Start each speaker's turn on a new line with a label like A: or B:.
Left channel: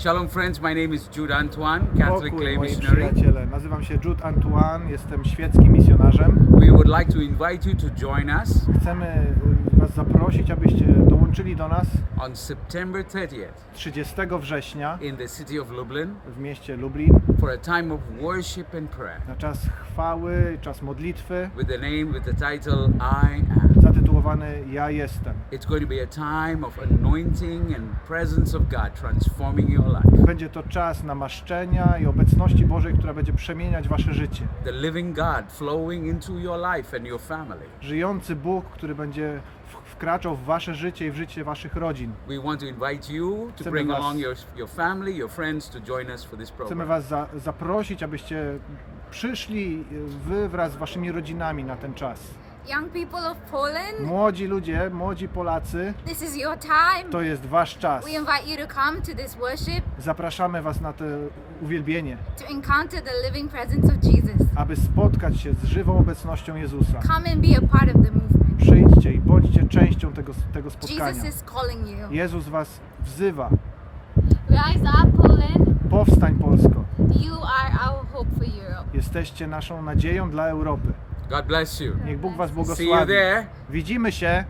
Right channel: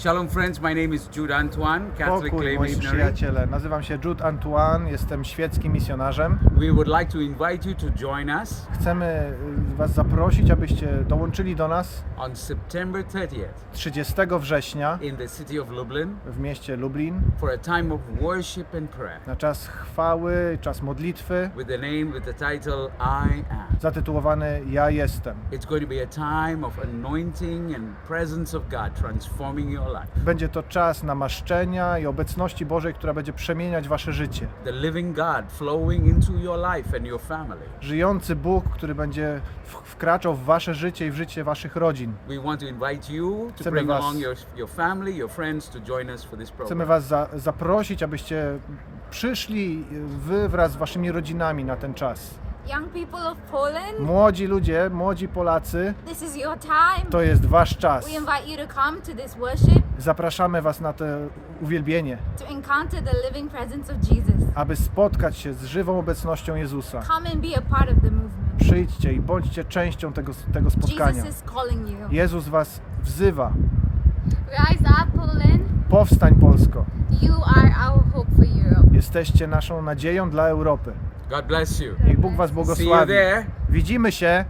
A: Shalom, friends. My name is Jude Antoine, Catholic
B: Pokój,
A: lay
B: moi
A: missionary.
B: przyjaciele. Nazywam się Jude Antoine, jestem świeckim misjonarzem.
A: We would like to invite you to join us
B: Chcemy y, Was zaprosić, abyście dołączyli do nas
A: on September 30th
B: 30 września
A: in the city of Lublin
B: w mieście Lublin
A: for a time of worship and prayer
B: na czas chwały, czas modlitwy
A: with the name, with the title I Am.
B: zatytułowany Ja jestem.
A: It's going to be a time of anointing and presence of God transforming your.
B: Będzie to czas namaszczenia i obecności Bożej, która będzie przemieniać Wasze życie.
A: The living God flowing into your life and your family.
B: Żyjący Bóg, który będzie wkraczał w Wasze życie i w życie Waszych rodzin.
A: We want to invite you to
B: Chcemy
A: bring
B: was-
A: along your, your family, your friends to join us for this
B: Chcemy
A: program.
B: Was za, zaprosić, abyście przyszli Wy wraz z Waszymi rodzinami na ten czas.
C: Young people of Poland,
B: Młodzi ludzie, młodzi Polacy,
C: this is your time.
B: to jest Wasz czas.
C: We invite you to come to this worship
B: Zapraszamy Was na to uwielbienie,
C: to encounter the living presence of Jesus.
B: aby spotkać się z żywą obecnością Jezusa.
C: Come and be a part of the movement.
B: Przyjdźcie i bądźcie częścią tego, tego spotkania.
C: Jesus is calling you.
B: Jezus Was wzywa.
C: Rise up, Poland.
B: Powstań Polsko.
C: You are our hope for Europe.
B: Jesteście naszą nadzieją dla Europy.
A: God bless you.
B: Niech Bóg Was
A: See you
B: błogosławi.
A: there.
B: Widzimy się